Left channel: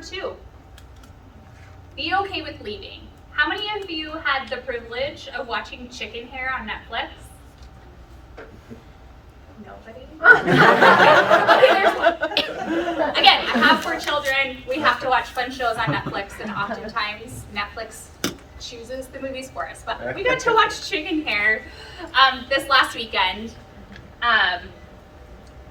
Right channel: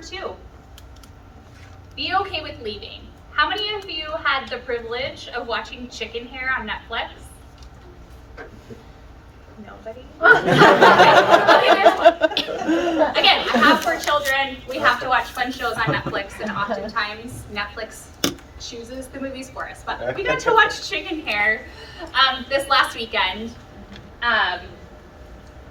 2. Be okay with leaving. How many of you had the privilege of watching Chicken Hair on Netflix? Nobody? Okay, there's one. Again, I have 4 children. We have to watch fun shows on Netflix, and oftentimes Netflix chooses the movies for us. But we got to watch Chicken Hair this last weekend.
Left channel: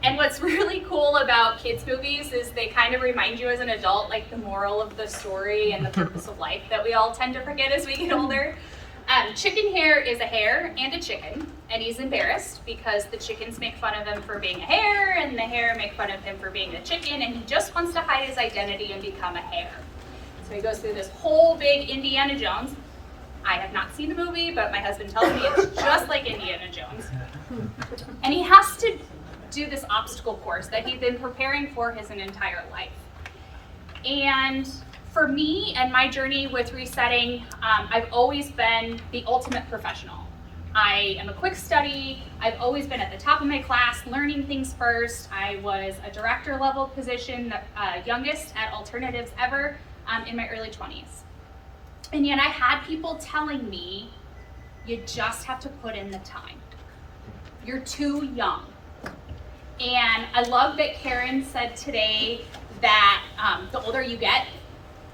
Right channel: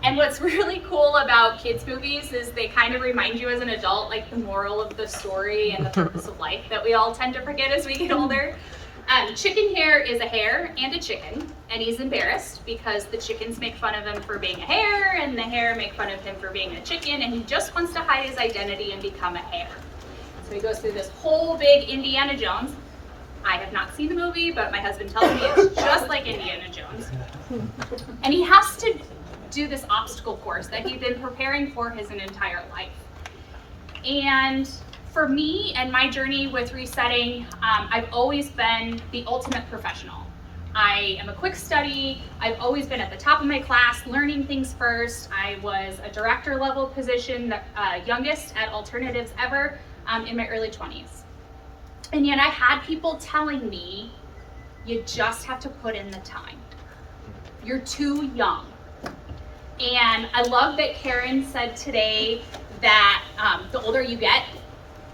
And what's really cool about kids' movies is they kind of remind you as an adult, like the moral of the story and the purpose of life that we all tend to forget as we get older. Chicken Hair is a hare and a chicken, and he's embarrassed because the chickens make fun of him for being a hare, and the hare make fun of him for being a chicken, and he just wants to hide his identity and become a hare. So he goes through this whole big Indiana Jones. I have not seen the movie, but my husband tells me it's just like Indiana Jones. And he has to do this obstacle course that he'd been preparing for his entire life. And for me and my journey with resetting, I've always been the ultimate professional. I am a quick study. I've always been at the top of my class, learning things first. I was a director level position, the youngest at Alternatives ever, in my early 20s. And yet I had people telling me, you just have to put in the time. You're too young. And I love that Karen said today that the older you get,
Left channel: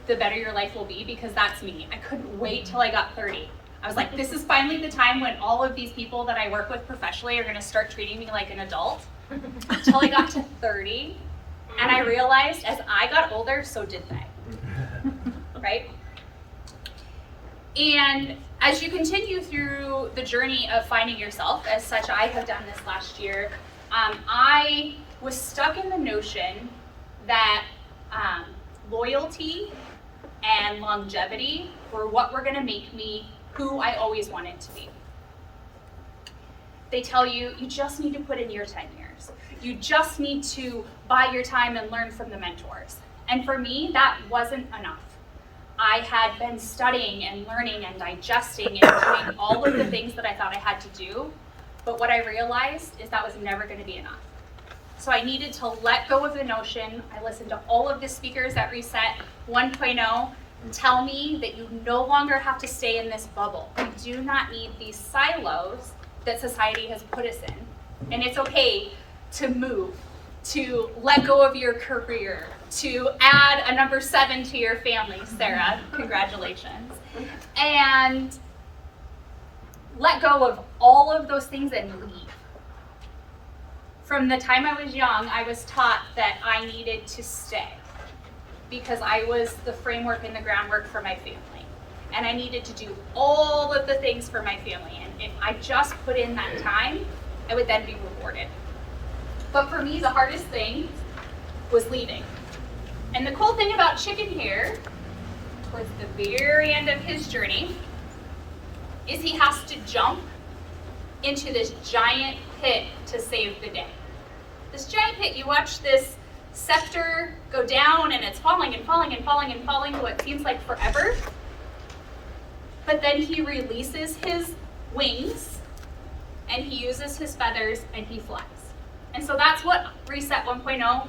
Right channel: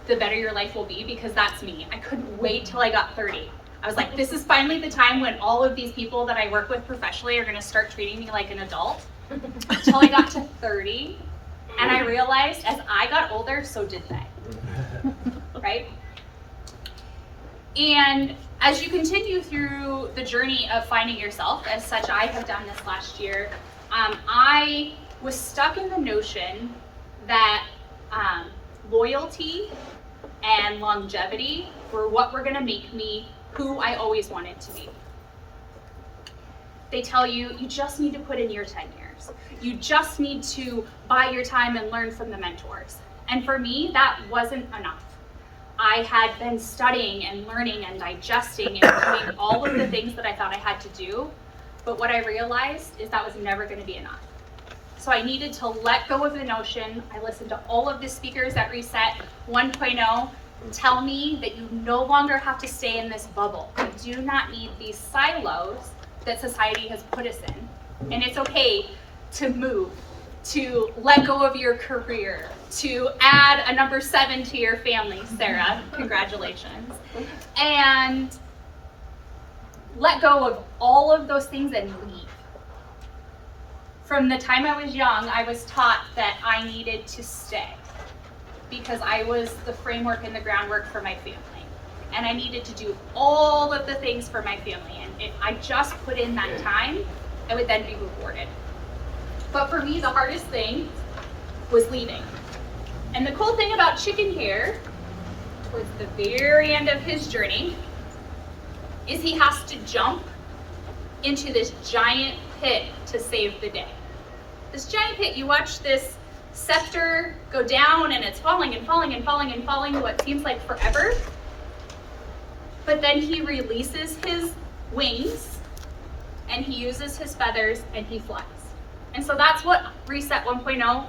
the better your life will be, because that's me. I couldn't wait till I got 30. I was like, this is finally the time when all of these people that I work with professionally are gonna start treating me like an adult. Till I got to 30, and I realized as I got older, so did they, right? And as you continue through the journey of finding yourself, as such I have done this last year, I was stuck in the notion that loyalty and longevity were what were gonna make me who I always wanted to be. They tell you, you just need to put in your 10 years. You just need to buy your time and learn from the mentors. And for me, that wasn't enough. I had been studying and learning and digesting and doing all of the things that I thought I had to do. But what I realized is that was never going to be enough. So I needed to let go of the notion. I listened to all of the speakers at Reset 1.0 tell me that you no longer have to stay in this bubble. You do not need these silos that society has put us in. And it's okay to move, to let go of your career, to add a number 7 to your family, Sarah, congratulations. And let go of all of those things and leave. From the time I was young, I was taught that I needed to stay because I was the framework and the groundwork for my family. And I needed to do all of the things for my family. And if I just put in that time, I would then be rewarded. But for me, the hardest thing was leaving. And the cool thing about Chicken Hair, towards the very end of his journey, is he has to jump into this giant pit to save the day. This giant pit, you watch this scepter go down and it's falling and falling and falling and falling what seems like forever. But then he releases his wings and he uses his feathers and he flies. And so that's what Reset 1.0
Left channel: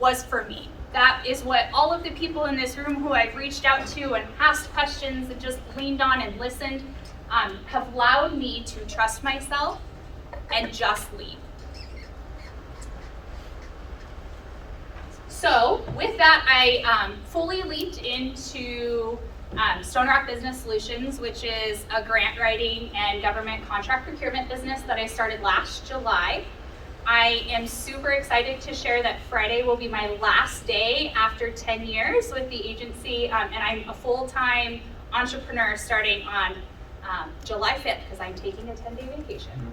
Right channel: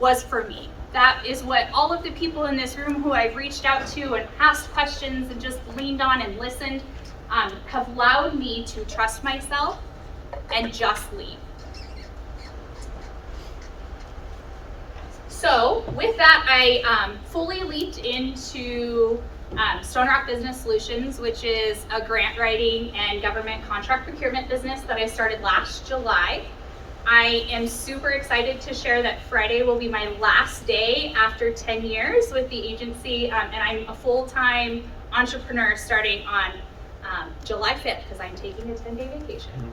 was for me. That is what all of the people in this room who I've reached out to and asked questions and just leaned on and listened have allowed me to trust myself and just leave. So with that, I fully leaped into Stonerock Business Solutions, which is a grant writing and government contract procurement business that I started last July. I am super excited to share that Friday will be my last day after 10 years with the agency, and I'm a full-time entrepreneur starting on July 5th because I'm taking a 10-day vacation.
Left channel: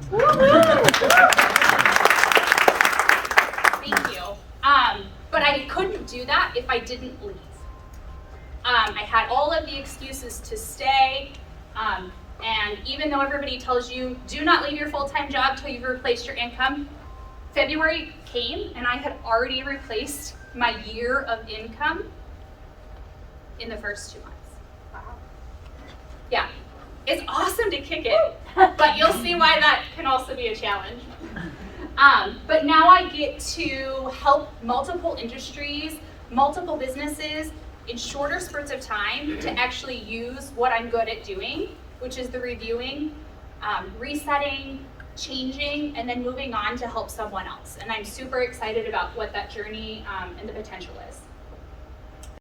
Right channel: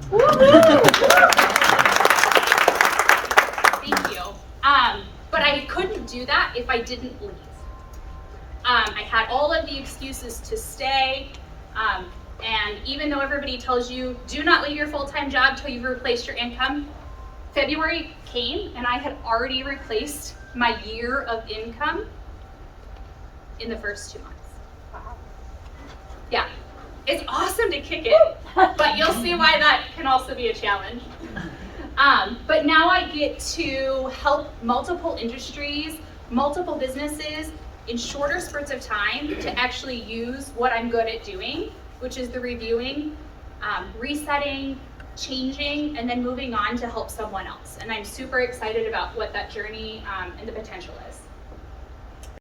Thank you. But I couldn't do that if I didn't leave. I had all of the excuses to stay, and even though everybody tells you, do not leave your full-time job till you've replaced your income, February came and I had already replaced my year of income in the first 2 months. Yeah, it's awesome to kick it, but you'll see why that can also be a challenge. But now I get to help multiple industries, multiple businesses in shorter spurts of time to actually use what I'm good at doing, which is the reviewing, resetting, changing, and then moving on to help someone else. And I'm super excited about what that journey and the potential is.